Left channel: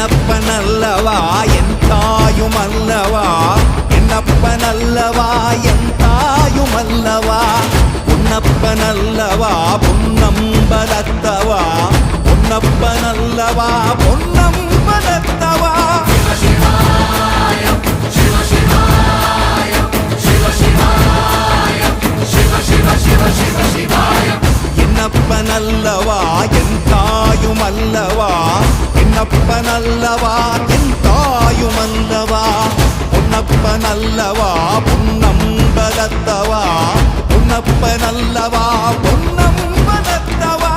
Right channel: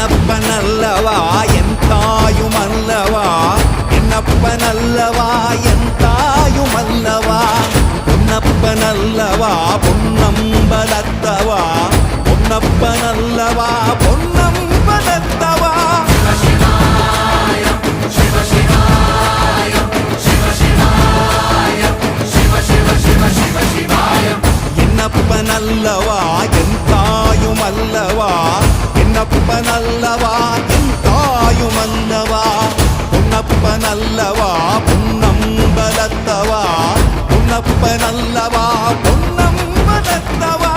என்னப்பனல்லவா என் தாயுமல்லவா, என்னப்பனல்லவா என் தாயுமல்லவா, பொன்னப்பனல்லவா பொன்னம்பலத்தவா, பொன்னப்பனல்லவா பொன்னம்பலத்தவா. என்னப்பனல்லவா என் தாயுமல்லவா, என்னப்பனல்லவா என் தாயுமல்லவா, பொன்னப்பனல்லவா பொன்னம்பலத்தவா, பொன்னப்பனல்லவா பொன்னம்பலத்தவா.